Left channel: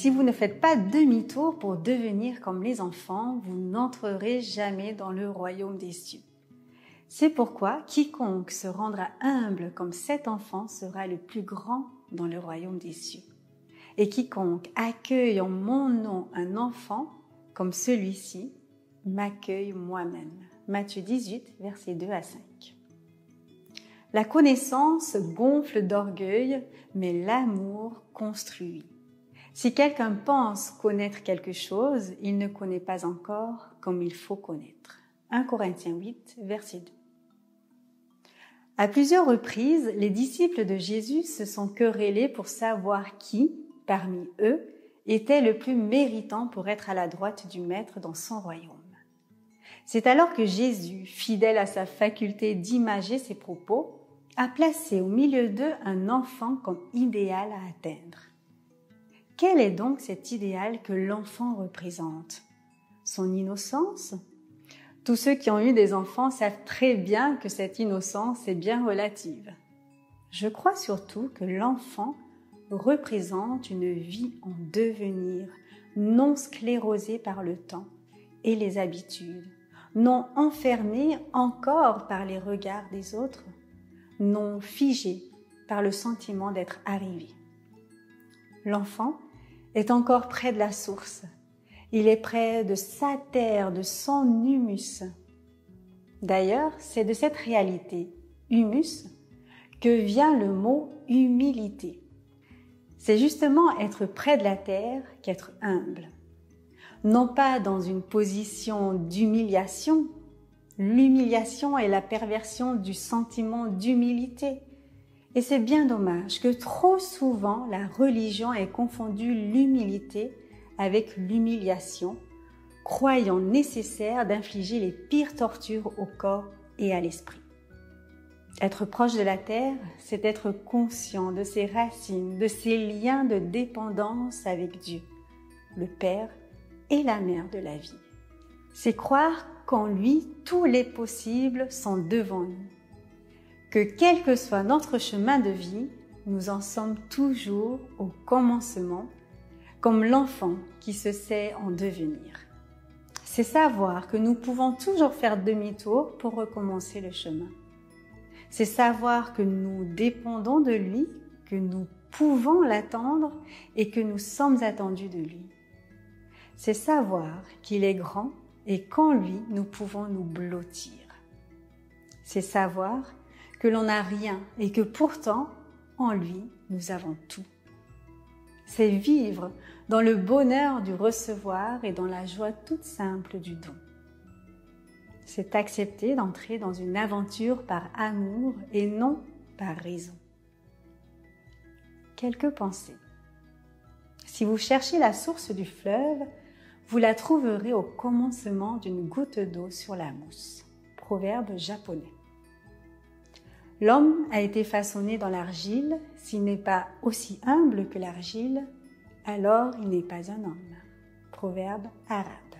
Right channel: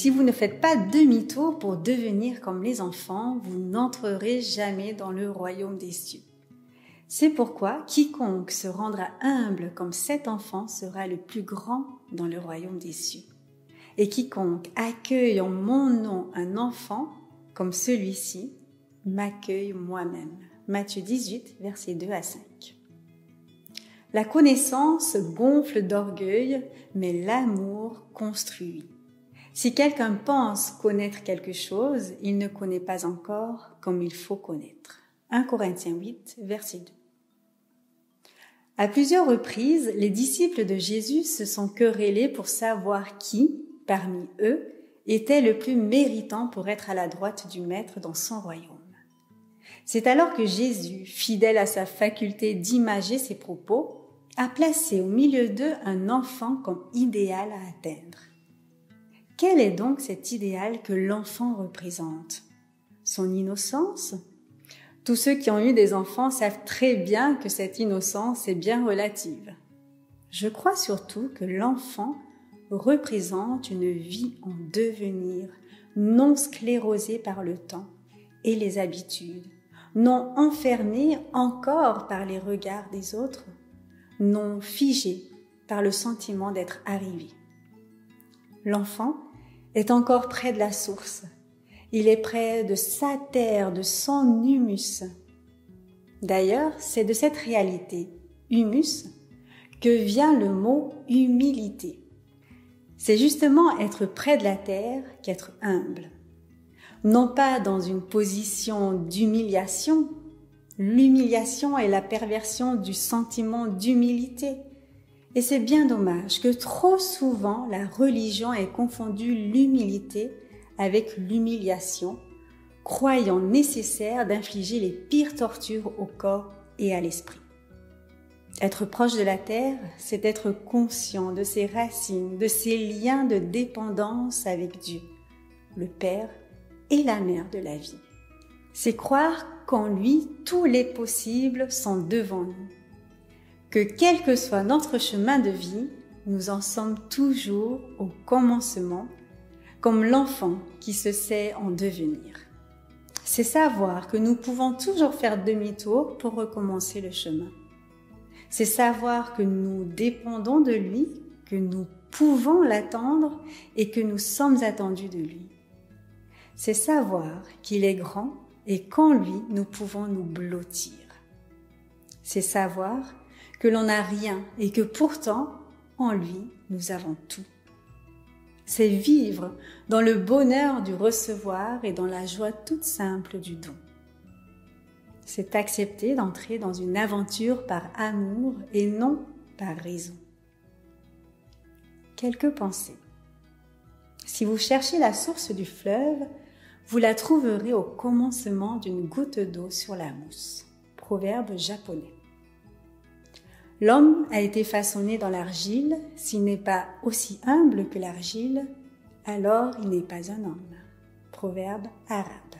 si vous ne faites pas demi-tour pour devenir comme les enfants, vous n'entrerez jamais dans le royaume des cieux. C'est pourquoi quiconque se rendra humble comme cet enfant sera le plus grand dans le royaume des cieux. Et quiconque accueille en mon nom un enfant comme celui-ci, m'accueille moi-même. Matthieu 18, versets 2 à 5. La connaissance gonfle d'orgueil, mais l'amour construit. Si quelqu'un pense connaître quelque chose, il ne connaît pas encore comme il faut connaître. 1 Corinthiens 8, verset 2. À plusieurs reprises, les disciples de Jésus se sont querellés pour savoir qui, parmi eux, était le plus méritant pour être à la droite du Maître dans son royaume. C'est alors que Jésus, fidèle à sa faculté d'imager ses propos, a placé au milieu d'eux un enfant comme idéal à atteindre. Quel est donc cet idéal que l'enfant représente? Son innocence? Tous ceux qui ont eu des enfants savent très bien que cette innocence est bien relative. Je crois surtout que l'enfant représente une vie en devenir, non sclérosée par le temps et les habitudes, non enfermée encore par les regards des autres, non figée par le sentiment d'être arrivé. L'enfant est encore près de la source. Il est près de sa terre, de son humus. D'ailleurs, c'est de cette réalité, humus, que vient le mot humilité. C'est justement être près de la terre qu'être humble. Non pas dans une position d'humiliation. L'humiliation est la perversion du sentiment d'humilité. Et c'est bien dommage que trop souvent la religion ait confondu l'humilité avec l'humiliation, croyant nécessaire d'infliger les pires tortures au corps et à l'esprit. Être proche de la terre, c'est être conscient de ses racines, de ses liens de dépendance avec Dieu, le Père et la Mère de la vie. C'est croire qu'en lui, tous les possibles sont devant nous. Que quel que soit notre chemin de vie, nous en sommes toujours au commencement, comme l'enfant qui se sait en devenir. C'est savoir que nous pouvons toujours faire demi-tour pour recommencer le chemin. C'est savoir que nous dépendons de lui, que nous pouvons l'attendre et que nous sommes attendus de lui. C'est savoir qu'il est grand et qu'en lui, nous pouvons nous blottir. C'est savoir que l'on n'a rien et que pourtant, en lui, nous avons tout. C'est vivre dans le bonheur du recevoir et dans la joie toute simple du don. C'est accepter d'entrer dans une aventure par amour et non par raison. Quelques pensées. Si vous cherchez la source du fleuve, vous la trouverez au commencement d'une goutte d'eau sur la mousse. Proverbe japonais. L'homme a été façonné dans l'argile. S'il n'est pas aussi humble que l'argile, alors il n'est pas un homme. Proverbe arabe.